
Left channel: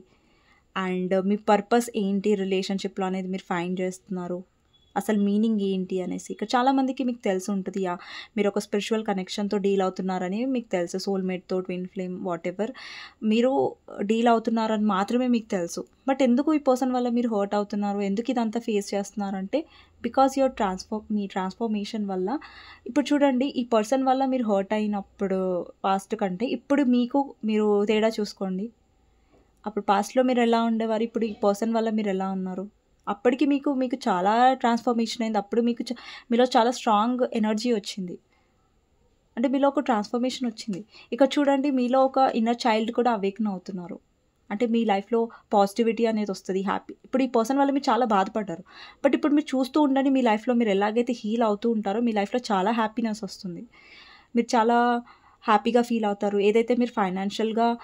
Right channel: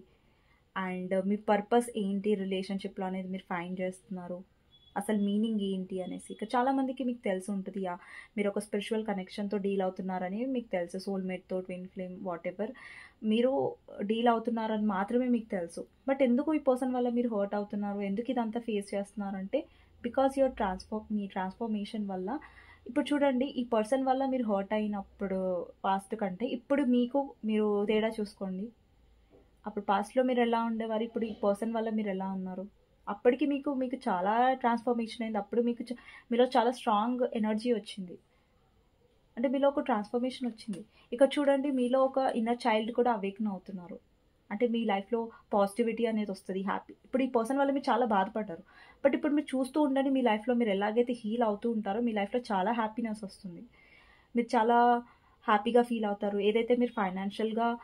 అండ్ మీ పర్పస్ ఏంటి రిలేషన్షిప్లో అనేది మీరు ఫైండ్ చేస్తున్నారు. అసలు మీనింగ్ ఏంటి అనేసి. ఇక్కడ చాలామందికి మీకు తెలిసి ఉంటది. మీరు ఒక స్పిరిచువల్ కనెక్షన్‌తో డీల్ అవుతున్నారని మీకు తెలుసు. సోల్‌మేట్‌తో, ట్విన్ ఫ్లేమ్ వాటెవర్ మీరు డీల్ అవుతున్నారని మాత్రమే మీకు తెలుసు. బట్ ఎందుకు ఈ పర్సన్ వల్ల మీరు హర్ట్ అవుతున్నారు? ఎందుకు ఇదంతా ఫేస్ చేస్తున్నారంటే బికాజ్ మీ ట్రాన్స్‌ఫర్మేషన్ వల్ల ఇప్పుడు చూడండి ఈ పర్సన్ వల్ల మీరు హర్ట్ అయినప్పుడు పాస్ట్ కంటే ఇప్పుడు మీరు తేడా చూసుకోండి. అప్పుడు పాస్ట్‌లో మీరెలా ఉండేవారు? ఇప్పుడు ఈ పర్సన్ వల్ల మీరెలా ఉన్నారు? అప్పటికి మీకు చాలా ట్రాన్స్‌ఫర్మేషన్ అయింది. అప్పుడు మీలో చాలా స్ట్రాంగ్ ఎనర్జీ వచ్చింది. అంటే మీలో ఒక ట్రాన్స్‌ఫర్మేషన్ వచ్చింది. ఇక్కడ చూడండి మీలో ఒక ఇన్నర్ చైల్డ్ కూడా అవేకెన్ అవుతున్నారు. అంటే మీ లైఫ్‌లో పాజిటివిటీ అనేది వస్తది. ఇప్పుడు ఈ పర్సన్ వల్ల మీరు చాలా బాధపడ్డారు. బట్ ఇప్పుడు మీరు చూస్తూ ఉండండి మీ లైఫ్‌లో మీరు ఎలాగైతే హీల్ అవుతూ ఉంటారో మీ లైఫ్‌లో చాలా హ్యాపీనెస్ వస్తుంది. మీరు చాలా హ్యాపీగా ఫీల్ అవుతారు. ఏదైతే మీరు ఫైనాన్షియల్‌గా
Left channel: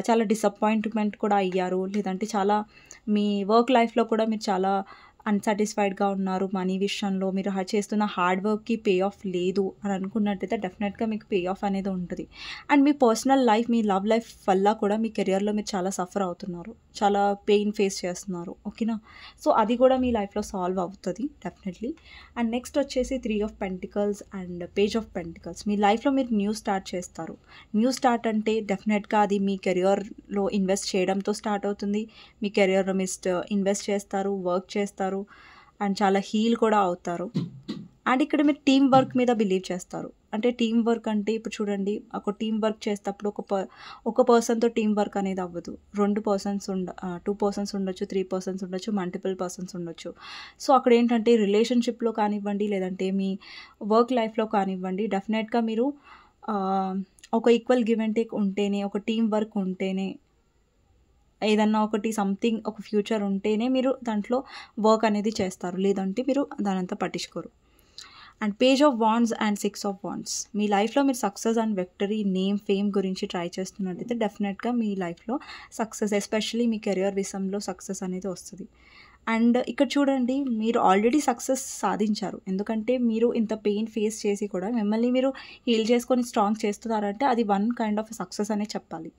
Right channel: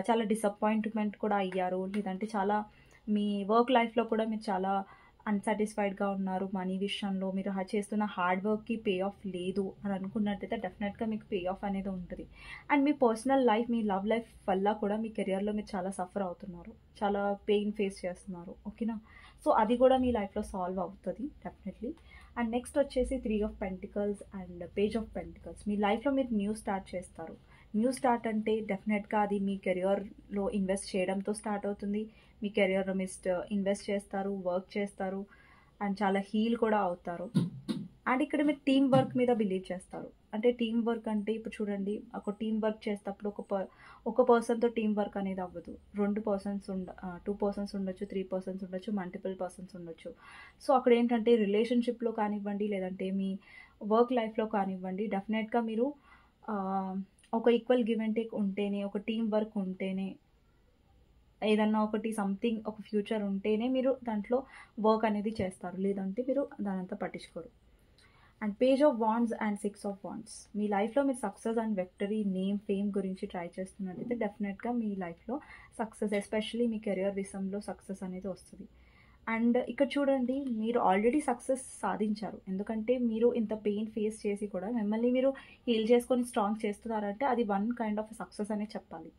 చాలా డిసప్పాయింట్‌మెంట్ కూడా అయ్యారు. లేదంటే చాలా మీ వర్క్ లైఫ్‌లో కూడా మీరు చాలా అన్‌సాటిస్ఫైడ్‌గా ఉన్నారు. మనీ విషయంలో మీరు చేస్తున్న హార్డ్ వర్క్‌కి పే ఆఫ్ లేదు అని అనుకున్నట్టయితే డెఫినెట్‌గా మీకు పే ఆఫ్ అనేది ఉంటది. And me personal life, me love life వల్ల కూడా మీ కెరియర్‌లో మీరు చాలా సఫర్ అవుతున్నారు. చాలా పెయిన్ ఫేస్ చేస్తున్నారు. ఓకేనా? సో, అది కూడా మీ లైఫ్‌లో సాల్వ్ అవుతది డెఫినెట్‌లీ. అండ్ నెక్స్ట్ వచ్చేసి 3 of pentacles and page of pentacles. మీ లైఫ్‌లో మీరు న్యూ స్టార్ట్ చేస్తారు. న్యూ స్టార్ట్ అంటే డెఫినెట్‌గా అది మీ కెరియర్‌లో ఇన్వెస్ట్ చేయడంతో స్టార్ట్ అవుతుంది. మీ కెరియర్‌లో ఇన్వెస్ట్ చేస్తారు, వర్క్ చేస్తారు అండ్ చాలా హీల్ కూడా అవుతారు. అండ్ ఇక్కడ మీరు టీమ్ వర్క్ మీద బిలీవ్ చేస్తారు. అంటే టీమ్ వర్క్ అంటే ఇప్పుడు చూడండి ఒక టీమ్ వర్క్ చేసేటప్పుడు ఒక పర్సన్‌తో టీమ్ వర్క్ అనేది అవ్వదు. 2 పర్సన్స్ 2 పర్సన్స్ ఉండొచ్చు, 3 పర్సన్స్ ఉండొచ్చు, మల్టిపుల్ పర్సన్స్ ఉండొచ్చు. సో, అక్కడేంటంటే రిలేషన్‌షిప్‌లో కానివ్వండి, లేదంటే మీ వర్క్ లైఫ్‌లో కానివ్వండి డెఫినెట్‌గా మీరు ఆహ్, ఒక ఈక్వల్ గివ్ అండ్ టేక్ ఉంటేనే, ఒక టీమ్ వర్క్ ఉంటేనే ఏదన్నా ఒకటి సంథింగ్ ఒక ఫ్యూచర్ ఉంటేనే మీరు దాంట్లో వర్క్ అనేది చేస్తారు. లేదంటే మీరు దానంతా పట్టించుకోరు. And page of wands and 6 of wands. మీ లైఫ్‌లో మీరు success and victory, name, fame గురించి ట్రై చేస్తున్నట్టయితే డెఫినెట్‌గా మీ లైఫ్‌లో సక్సెస్ ఎస్పెషల్లీ మీ కెరియర్ విషయంలో సక్సెస్ అనేది వస్తది. అండ్ ఇక్కడ చూడండి మీరు ఆల్రెడీ సక్సెస్ సాధించారు. ఎందుకంటే మీరు ఇంత పెయిన్ ఫేస్ చేసి కూడా మిమ్మల్ని మీరు హీల్ చేసుకొని స్ట్రాంగ్ చేస్తున్నారంటే అది వన్ కైండ్ ఆఫ్ సక్సెస్ అనే చెప్పాలి.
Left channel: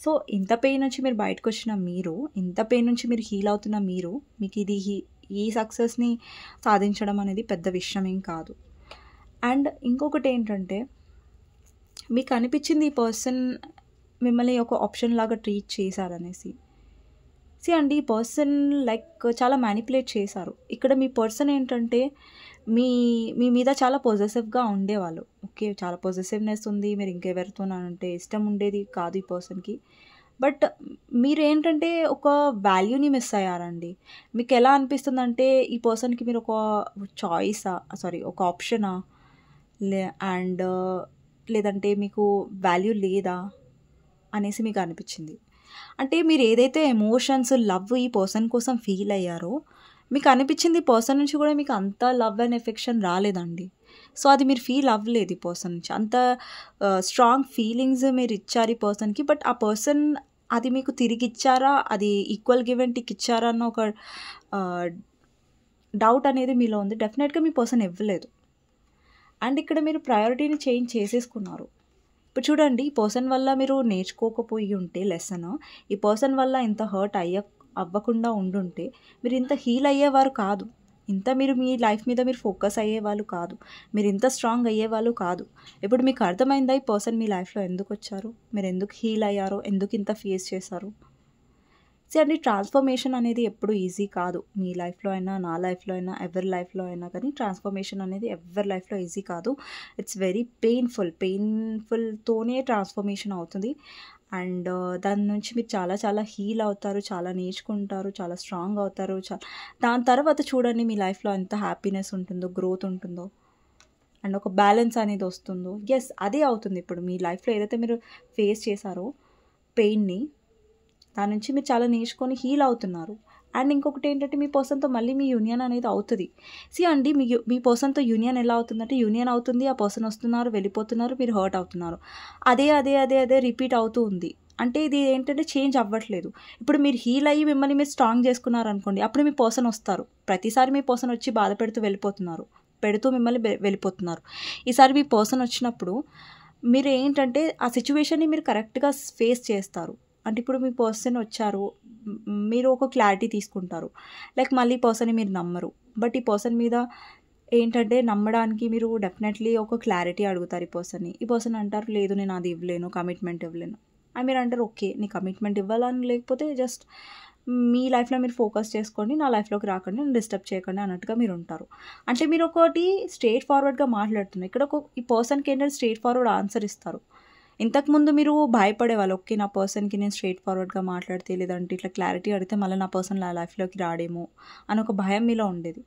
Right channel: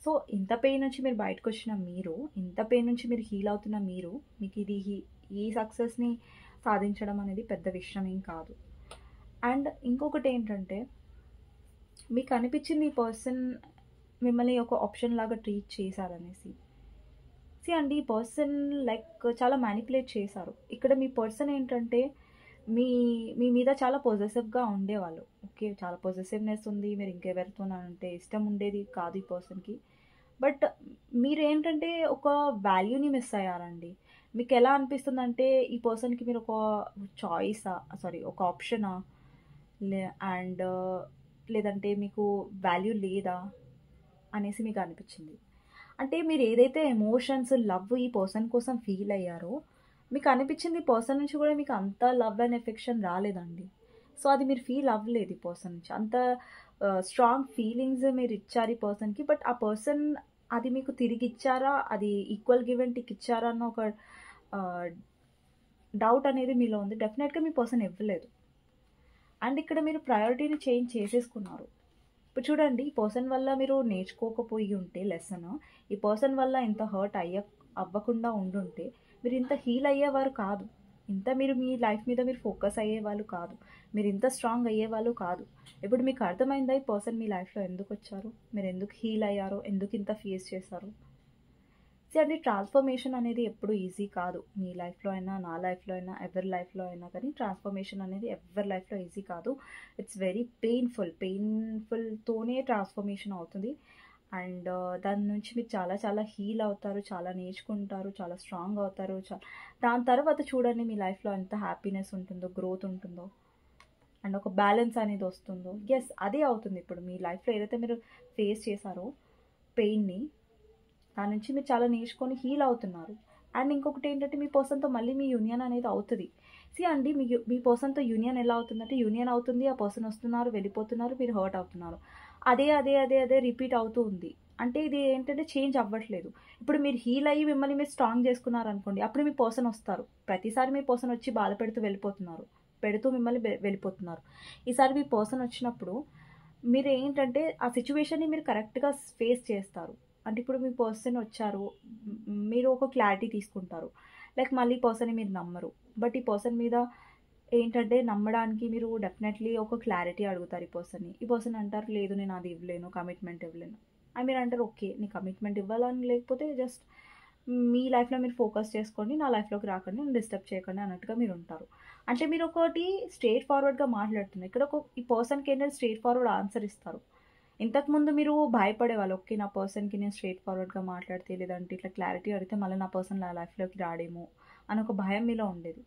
సో, ఇంత పెయిన్ నుంచి మీరు బయటకొచ్చిన మీరు, ఇంత పెయిన్ నుంచి మీరు హీల్ అవుతున్న మీరు, మీకిది ఈ సక్సెస్‌ని సాధించడం అనేది పెద్ద విషయం ఏం కాదు. అండ్ ఇంకొకటేంటంటే, మీకనిపిచ్చింది ఈ పర్సన్ మిమ్మల్ని ఒక ఆప్షన్ లాగా ట్రీట్ చేశారనేసి. అండి ఈ పర్సన్ లైక్ చాలా మ్యానిపులేట్ చేశారు. ఇక్కడ మీ పర్సన్ ఏంటంటే, మీ మీ మీద చాలా పొసెసివ్‌గా ఉండేవాళ్ళు. ఓకే. చాలా పొసెసివ్‌నెస్ ఉంది. మీరు ఇంకెవరితోనంటే ఇష్టం ఉండేది కాదు ఈ పర్సన్‌కి. బట్ మీరేంటంటే ఒక వాల్యూని మిస్ అయ్యారండి. మీకెలా అనిపిస్తుందంటే ఈ పర్సన్‌కి మీరు ఒక ఒక ఆప్షనా? లే అండ్ లేదంటే మీకు వాల్యూ లేదా? అనేసి మీకనిపిచ్చింది. అంటే మీరేదైతే ఎమోషన్స్, లవ్ ఈ పర్సన్ కోసం ఫీల్ అయ్యారో, మీకనిపిచ్చింది ఈ పర్సన్ నుంచి కూడా మీకు అంత లవ్ అండ్ ఎఫెక్షన్ రాలేదండి. సో, అది మీరు ఫీల్ అవ్వలేదు ఈ పర్సన్ నుంచి. అంత స్ట్రాంగ్ ఫీలింగ్స్ మీరిచ్చారు ఈ పర్సన్‌కి. బట్ ఆ పర్సన్ అది మీకు తిరిగిచ్చారా? అది ఈక్వల్ గివ్ అండ్ టేక్ ఇచ్చారా అన్న ఒక ఆహ్, డౌట్ అనేది మీలో ఉంది. డెఫినెట్‌గా మీ పర్సన్ ఇవ్వలేదు. అండ్ ఇక్కడ మీరు ప్రయారిటీని చేంజ్ చేసేసుకున్నారు. ఇప్పుడు చూడండి ఈ పర్సన్ వల్ల మీరు నేర్చుకోకపోయి ఉంటే లెసన్, ఈ పర్సన్ వల్ల ఇంత హర్ట్ అవ్వకుండా ఉండుంటే మీరు ఇంత హీల్ అయ్యేవారు కాదు. మీరు మీ లైఫ్ మీద మీరు ఫోకస్ అయ్యేవాళ్ళు కాదు. మీరు ఇంత స్ట్రాంగ్ అయ్యేవాళ్ళు కాదు. ఇప్పుడు మీకు అర్థమైందా ఈ పర్సన్ మీ లైఫ్‌లో ఎందుకొచ్చారు? మీరు ఎందుకు హీల్ అయ్యారో? ఎందుకు ఇంత ఫేస్ చేశారు? అండి ట్రాన్స్‌ఫర్మేషన్ అనేది ఎప్పుడు ఈజీ కాదు. మీ లైఫ్‌లో అయినా, నా లైఫ్‌లో అయినా, ఎవరి లైఫ్‌లో అయినా కానీ ట్రాన్స్‌ఫర్మేషన్ అనేది ఎవ్వరి లైఫ్‌లో ఈజీ కాదు. It's very painful. పెయిన్‌ఫుల్‌తోనే ట్రాన్స్‌ఫర్మేషన్ అవుతుంది. అండ్ దాని నుంచి మీరు చాలా చాలా హీల్ అవుతారు. చాలా నేర్చుకుంటారు. చాలా స్ట్రాంగ్ అవుతారు. దాని తర్వాత చూడండి మీ లైఫ్‌లో ఎంత హ్యాపీనెస్ ఉంటుందో, గ్రోత్ ఉంటుందో అండ్ ఒక బ్యాలెన్స్ అనేది వస్తుందో. యెస్ అదే అవుతుంది ఇప్పుడు మీ లైఫ్‌లో ఏదైతే మీరు ఫేస్ చేశారో పెయిన్‌ని దాని నుంచి మీరు చాలా నేర్చుకొని హీల్ అవుతున్నారు. అండ్ ఇంకొకటేంటంటే మీ పర్సన్‌తో మళ్ళీ మీ యూనియన్ అనేది అవుతది. అండి మీ పర్సన్‌తో యూనియన్ ఎలా అవుతుందంటే యూనియన్ అవుతుంది. ఆ పర్సన్ వస్తున్నారు, వెళ్ళిపోతున్నారు, మీరు హర్ట్ అవుతున్నారు. అదే రిపీట్ అవుతూ ఉంది. అంటే ఇది ఏంటంటే చేంజ్ అవ్వట్లేదు. ఇప్పుడు మీరు హీల్ అయ్యి మిమ్మల్ని మీరు స్ట్రాంగ్ చేసుకున్నారనుకోండి. అప్పుడు మీ పర్సన్ వస్తారు. ప్రతిసారి మీ పర్సన్ వచ్చి బాధ పెడుతూ మిమ్మల్ని వెళ్ళిపోతున్నారు. ఈసారి మీ పర్సన్ వచ్చినప్పుడు మీరు ఏంటంటే ఆ సిట్యుయేషన్‌ని మీరు కరెక్ట్‌గా ఫేస్ చేస్తారు. అంటే ఇప్పుడు మీ పర్సన్ వచ్చారు, మీరు ఒక క్లారిటీ తీసుకుంటారు. లైక్ మళ్ళీ ఈ పర్సన్‌ని మీరు నమ్మరు. బట్ ఈ పర్సన్ మీద ఏంటంటే నమ్మడానికి మీరు డెఫినెట్‌లీ ఒక క్లారిటీ అడుగుతారు ఈ పర్సన్‌ని. ఈ పర్సన్ అంటారు, "లేదు నేను అది ఇవ్వలేను, కమిట్మెంట్ ఇవ్వలేను." అని మీరు అంటారు, "ఓకే. నీ కమిట్మెంట్ ఇవ్వాలని లేకపోతే జస్ట్ మీ లైఫ్‌లో మీరు ఫోకస్ చేసుకోండి. నా లైఫ్‌లోకి రాకండి. నన్ను డిస్టర్బ్ చేయకండి" అన్నట్టుగా మీరు ఉంటారు. అంటే మీరు ఒకటి స్ట్రెయిట్ ఫార్వర్డ్‌గా మాట్లాడుతున్నారు. ఇక్కడ ఈ పర్సన్‌కి ఏంటంటే స్ట్రెయిట్ ఫార్వర్డ్ ఆన్సర్ ఇస్తారు. ఇంతకుముందు మీరు భయపడేవాళ్ళు. ఓకే. నా పర్సన్‌కి నేను స్ట్రెయిట్ ఫార్వర్డ్‌గా మాట్లాడితే లేదంటే ఇట్లా క్లారిటీ అడిగితే మళ్ళీ నా పర్సన్ నా లైఫ్‌లోకి రాడేమో అని ఒక భయం మీలో ఉండేది.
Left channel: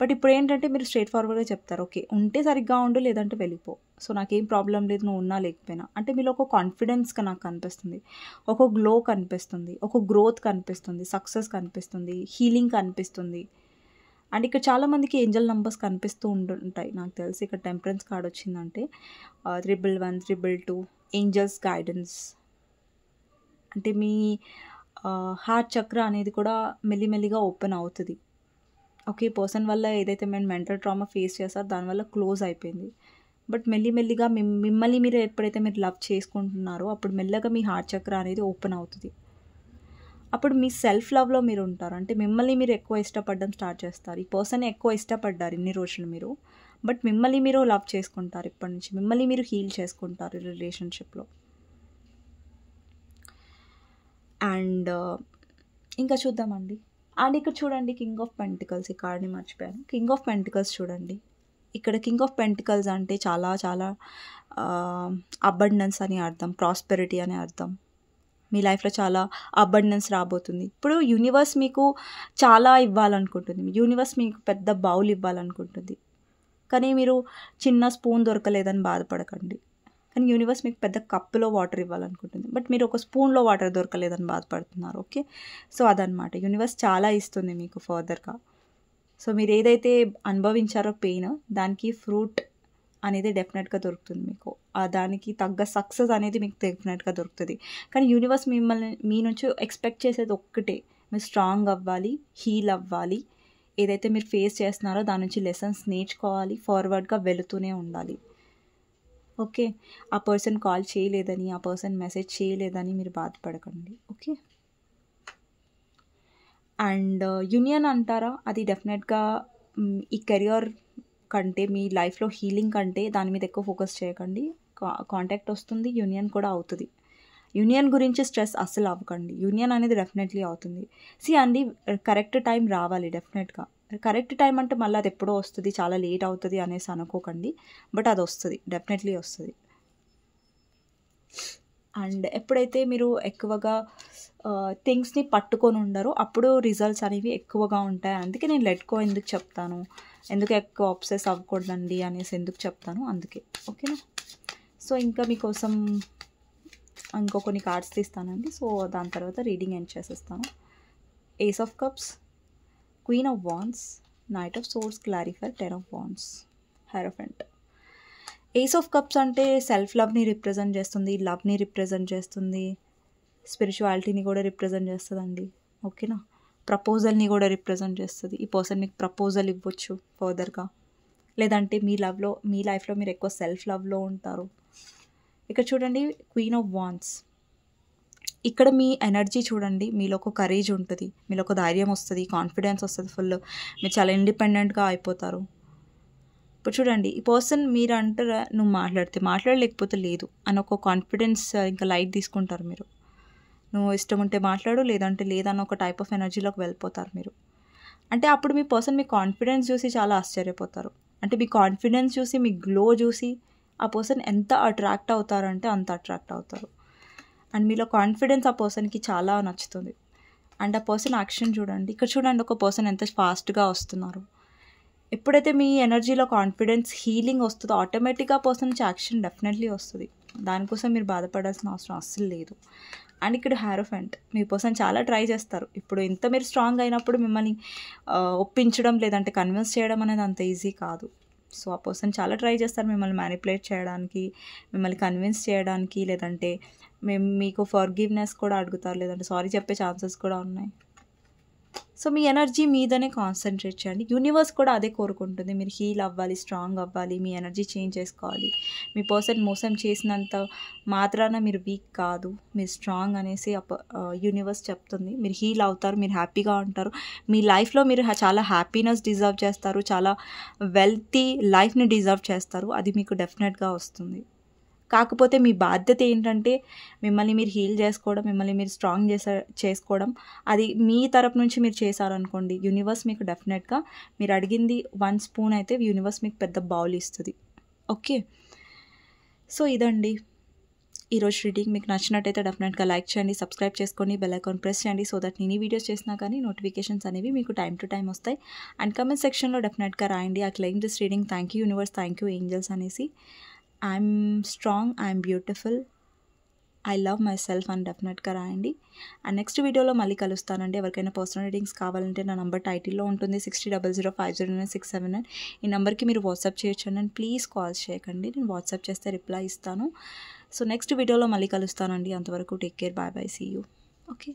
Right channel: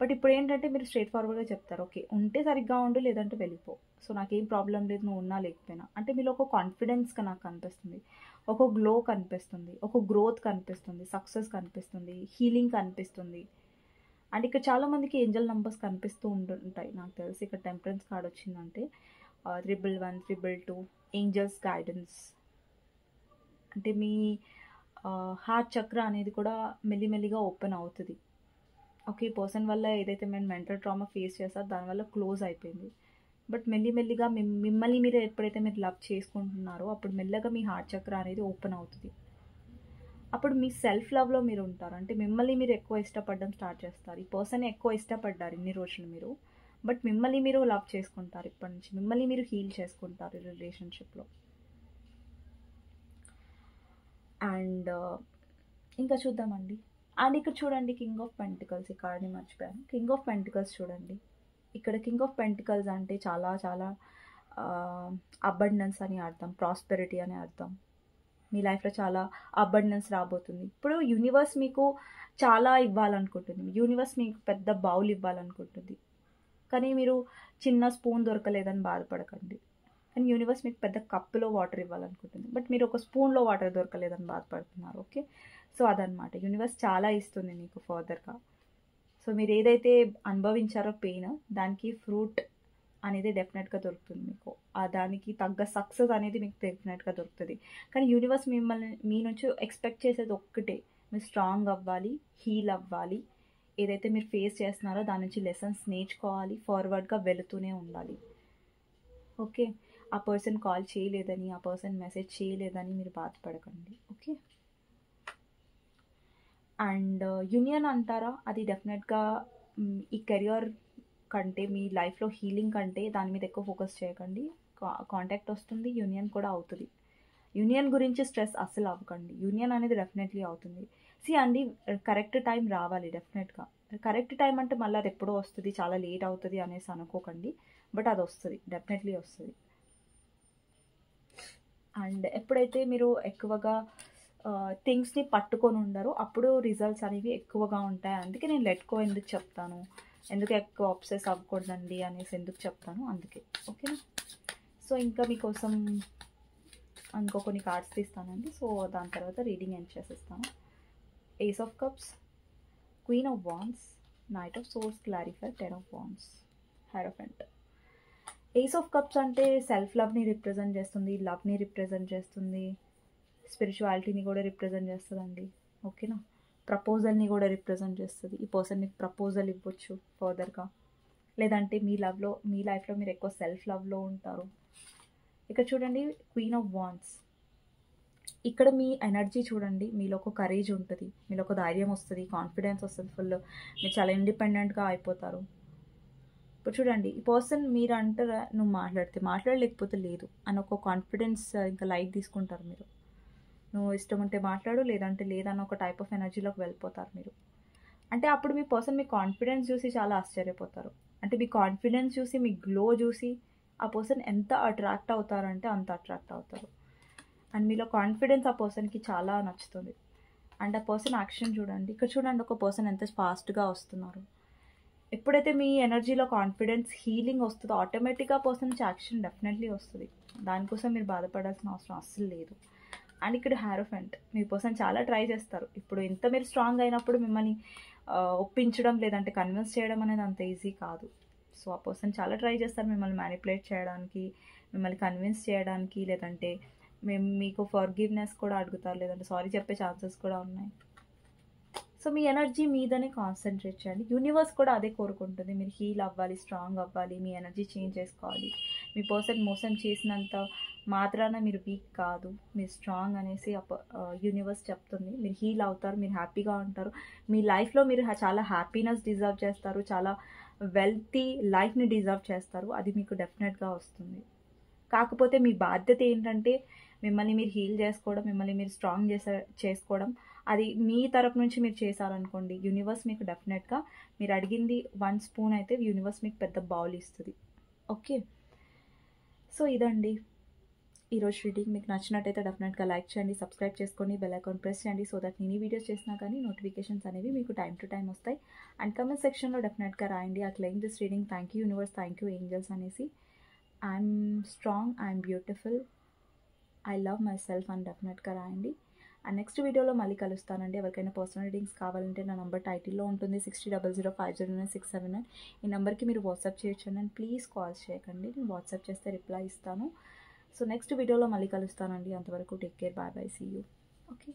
బట్ ఇప్పుడేంటంటే మీరు స్ట్రెయిట్ ఫార్వర్డ్‌గా చెప్తారు. ఓకే. ఉంటే సరిగ్గా ఉండు లేదంటే వెళ్ళిపో. సో నాకేం ప్రాబ్లమ్ లేదు నువ్వు ఉన్నా లేకపోయినా. అంటే మీలో ఒక కాన్ఫిడెన్స్‌గా నాకు కనిపిస్తుంది. ఒక గ్లో కనిపిస్తుంది. ఒక గ్రోత్ కనిపిస్తుంది. సక్సెస్ కనిపిస్తుంది. హీలింగ్ కనిపిస్తుంది. అండ్ ఇక్కడ చాలామందికి ఏంజెల్ నంబర్స్ కనిపిస్తూ ఉంటుంటాయి. నాకు తెలిసి ఇక్కడ టెంపరెన్స్ కార్డ్ వచ్చిందంటే 111, 222 ఏంజెల్స్ గైడెన్స్. అంటే మీ హార్ట్ చక్ర అనేది కూడా మెల్లిమెల్లిగా ఓపెన్ అవుతది. ఓకే. పర్సన్ వల్ల ఏదైతే మీరు మెంటల్ ట్రామా ఫేస్ చేసారో దానివల్ల క్లోజ్ అయిపోయింది. బట్ మెల్లిమెల్లిగా మిమ్మల్ని మీరు ఎప్పుడైతే మీరు లవ్ చేసుకుంటున్నారో అప్పుడు మెల్లగా మీ హార్ట్ చక్ర అనేది ఓపెన్ అవుతది. అప్పుడు మీ సెల్ఫ్ లవ్‌లో మీరు ఉంటారు. అంటే మిమ్మల్ని మీరు ఎక్కువ ఇష్టపడడం స్టార్ట్ చేస్తారు. ఈ పర్సన్‌ని ఎక్కువ ఇష్టపడ్డారు ఇన్ని రోజులు మీరు. బట్ మిమ్మల్ని మీరు లవ్ చేసుకుంటారు ఇప్పటి నుంచి. మిమ్మల్ని మీరు హీల్ చేసుకుంటారు ఈ రిలేషన్‌షిప్‌లో. అండ్ ఇంకా చూద్దామండి. అండ్ ఇక్కడ చూడండి కింగ్ ఆఫ్ పెంటికల్స్ ఈ కార్డ్‌ని మర్చిపోయాను. కింగ్ ఆఫ్ పెంటికల్స్ చూడండి. ఇక్కడ కింగ్ ఆఫ్ పెంటికల్స్ అంటే చాలా చాలా అబండెన్స్ అని అర్థం. ప్రాస్పెరిటీ అని అర్థం. మీ లైఫ్‌లో చాలా అబండెన్స్ రాబోతుంది. ఇప్పుడు యూనివర్స్ మీకు చాలా ఇవ్వాలనుకుంటుంది. యూనివర్స్ మీకు పెద్ద బౌల్ ఇవ్వాలనుకుంటుంది. కానీ మీరు చిన్న స్పూన్ దొరకలేదని బాధపడకండి. కానీ యూనివర్స్ మీకు పెద్ద కప్పులో వాటర్ ఇవ్వాలనుకుంటుంది. బట్ మీరు ఒక స్పూన్‌లో వాటర్ దొరకలేదని బాధపడుతున్నారు. ఓకే. సో అదనమాట. యూనివర్స్ చాలా ఇస్తుంది మీకు ఫర్దర్‌గా. సో మీరు ఏదైతే అనుభవించారో పెయిన్ దానికి ఫ్రూట్ అనేది డెఫినెట్‌గా దొరుకుతుంది మీకు. దానికి తగ్గ సక్సెస్ అనేది మీకు డెఫినెట్‌గా దొరుకుతది. కానీ యూనివర్స్ మిమ్మల్ని మీ నుంచి ఎక్స్‌పెక్ట్ చేసేది ఒక్కటే. మీరు స్ట్రాంగ్ అవ్వాలి, హీల్ అవ్వాలి. ఏదైతే మీరు ఫేస్ చేస్తున్నారో దాని నుంచి లెసన్స్ నేర్చుకోవాలి. ఫార్వర్డ్‌గా వెళుతూనే ఉండాలి. ఓకే. ఆ పర్సన్ కాల్ చేయలేదని, ఆ పర్సన్ మెసేజ్ చేయలేదని మీరు బాధపడకండి. ఓకే. అండ్ యూనియన్ అంటారా? అది డెఫినెట్‌గా ఈ కెరియర్ కంటే మీ లైఫ్‌లో హీలింగ్ కంటే దాని మీద ఎక్కువ ఫోకస్ చేయకండి. కాంటాక్ట్ వస్తుంది. యూనియన్ కూడా అవుతది. యూనియన్ గురించి స్ట్రెస్ అస్సలు అవ్వకండి. యూనియన్ అనేది డెఫినెట్‌లీ అవుతుంది. అండి కరెక్ట్ టైం రావాలి డెఫినెట్‌గా. కరెక్ట్ టైం అంటే మళ్ళీ అది ఎప్పుడో వస్తది, చాలా లేట్ అవుతది అనేసి అనుకోకండి. బట్ అది వస్తది. డెఫినెట్‌లీ వస్తది. అండ్ ఎప్పుడైతే మీరు ఎక్కువగా థింగ్స్‌ని పట్టుకొని ఉండరో అప్పుడు రిజల్ట్స్ అనేవి ఎక్కువగా ఉంటాయి. అందుకే నేను లెట్ గో ఎందుకు చెప్తాను. ఎందుకు ఎక్కువ అబ్సెస్ అవ్వకూడదండి అనేసి ఎందుకు చెప్తాను అందుకే. ఓకేనా. సో ఇంకా మీకోసం ఇంకో కొన్ని కార్డ్స్ తీస్తానండి. సో దాని తర్వాత రీడింగ్ ఎండ్ చేసేస్తాను. Ace of cups, queen of wands, knight of swords, clarifier, 10 of wands, hierophant. Ace of cups అంటే సెల్ఫ్ లవ్ని రిప్రజెంట్ చేస్తుంది, లవ్ని రిప్రజెంట్ చేస్తుంది, స్పిరిచువాలిటీని కూడా రిప్రజెంట్ చేస్తుందండి. ఓకేనా. ప్రపోజల్ని కూడా రిప్రజెంట్ చేస్తుంది. ఈ పర్సన్ మీకు ప్రపోజల్ ఇవ్వచ్చు ఫర్దర్గా. లేదంటే మీ లైఫ్లో మీరు ఎక్కువ సెల్ఫ్ లవ్లో ఉంటారు. ఇక్కడ చూడండి క్వీన్ ఆఫ్ వాండ్స్. ఇక్కడ మీ ఎనర్జీ చూడండి. మీలో ఒక కరేజ్ ఉంటుంది, మీలో ఒక ధైర్యం వస్తుంది, కాన్ఫిడెన్స్ వస్తుంది ఫుల్. మీరు చాలా ఇండిపెండెంట్గా అయిపోతారు. ఇప్పుడు చూడండి ఈ పర్సన్ మీరు అంటారా నువ్వు మాట్లాడలేకపోతే లేదు అని ఒక కాన్ఫిడెన్స్ ఇంకా లైట్ తీసుకుంటారు మీరు. నువ్వు ఇష్టం ఉంటే మాట్లాడు లేదంటే లేదన్న ఒక టైప్ ఆఫ్ ఎనర్జీలోకి వెళ్ళిపోతారు మీరు. అంటే అప్పుడు మీ పర్సన్ మీ కాన్ఫిడెన్స్ చూసి చాలా ఆశ్చర్యపోతారు. అంటే మీ కాన్ఫిడెన్స్ చూసి మీ గ్లో చూసి ఆ పర్సన్ ఎంత అట్రాక్ట్ అవుతారంటే అంత అట్రాక్ట్ అవుతారు. అండ్ మీలో కాన్ఫిడెన్స్ ఆ పర్సన్కి చాలా నచ్చుతుంది. అండ్ ఆ పర్సన్ యాక్షన్ చూడండి. ఇక్కడ చూడండి ఒక పర్సన్ ఎంత ఫాస్ట్గా వస్తున్నారు. ఎప్పుడైతే మీ ఎనర్జీలో కాన్ఫిడెన్స్ హీలింగ్ వస్తుందో ఆటోమేటిక్గా పర్సన్ నుంచి యాక్షన్ డెఫినెట్లీ వస్తుంది. దానికోసం మీరు బాధపడాల్సిన అవసరం అస్సలు లేదు. అండ్ ఇక్కడ హెరోఫెంట్. మీ పర్సన్ చాలా ట్రై చేస్తారు. ఇప్పుడు ఇంత మీరు స్ట్రాంగ్ అయినప్పుడు మిమ్మల్ని ఒప్పించడం లేదంటే కన్విన్స్ చేయడం అనేది అంత ఈజీ కాదు. సో ఆ పర్సన్ చాలా ట్రై చేస్తారు మిమ్మల్ని మ్యానిపులేట్ చేయడానికి, మిమ్మల్ని కన్విన్స్ చేయడానికి, లేదంటే మీకు ఫర్గివ్నెస్ కూడా అడుగుతారు, లేదంటే సారీ చెప్పే ఛాన్సెస్ కూడా ఉన్నాయి. సో మీ ఎనర్జీ మీదనే కాన్సన్ట్రేట్ చేయండి. యూనివర్స్ కూడా అదే కోరుకుంటుంది. మీరు హీల్ అవ్వాలి, స్ట్రాంగ్ అవ్వాలి, మీ ఎనర్జీ చేంజ్ చేసుకోవాలి. మీ పర్సన్ మోసం చేసినంత మాత్రాన మీరు వీక్ కాదు, మీరు స్ట్రాంగ్ అనేసి యూనివర్స్ చెప్తుంది. మీరు హీల్ అవుతారు, మీరు హ్యాపీగా ఉంటారు. మీ లైఫ్లో మీరు చాలా హ్యాపీనెస్ డిజర్వ్ చేస్తారు, చాలా వెల్తీ లైఫ్ని డిజర్వ్ చేస్తారు. అది మీకు డెఫినెట్గా వస్తుంది. కాకపోతే మీ బాధ్యత ఏంటంటే మిమ్మల్ని మీరు హీల్ చేసుకోవడం, మిమ్మల్ని మీరు స్ట్రాంగ్ చేసుకోవడం. అది మీ తరపు నుంచి మీరు చేశారనుకోండి, యూనివర్స్ మీకు డెఫినెట్గా మీరు అడిగింది 1 స్పూన్ అయితే యూనివర్స్ మీకు పెద్ద బౌల్ ఇస్తుంది. ఓకే, సో ఇదండి ఈరోజు రీడింగ్. మీకు నచ్చినట్టయితే డెఫినెట్గా లైక్ చేయండి, సబ్స్క్రైబ్ చేసుకోండి, బెల్ ఐకాన్ ప్రెస్ చేయండి. సో దట్ నేను ఈ వీడియోస్ చేసినా కానీ నోటిఫికేషన్స్ అనేవి మీకు టైం టు టైం వస్తాయి. అండ్ కమెంట్ సెక్షన్లో డెఫినెట్గా రాయండి, I claim this reading, thank you universe, thank you angels అనేసి. I'm strong, I'm beautiful, I love myself అని డెఫినెట్గా రాయండి. అండ్ నెక్స్ట్ వీడియోలో మళ్ళీ కలుస్తానండి. ఎవరికైనా పర్సనల్ రీడింగ్స్ కావాలంటే నా నెంబర్ టైటిల్లో ఉంటుంది, 6000509679. ఈ నెంబర్కి మీరు వాట్సాప్ చేయొచ్చు అండి. ప్లీజ్ కాల్స్ చేయకండి, నేను వాట్సాప్ చేస్తే రిప్లై ఇస్తాను. సో నెక్స్ట్ వీడియోలో మళ్ళీ కలుస్తానండి. అంతవరకు take care, bye bye, see you. Okay.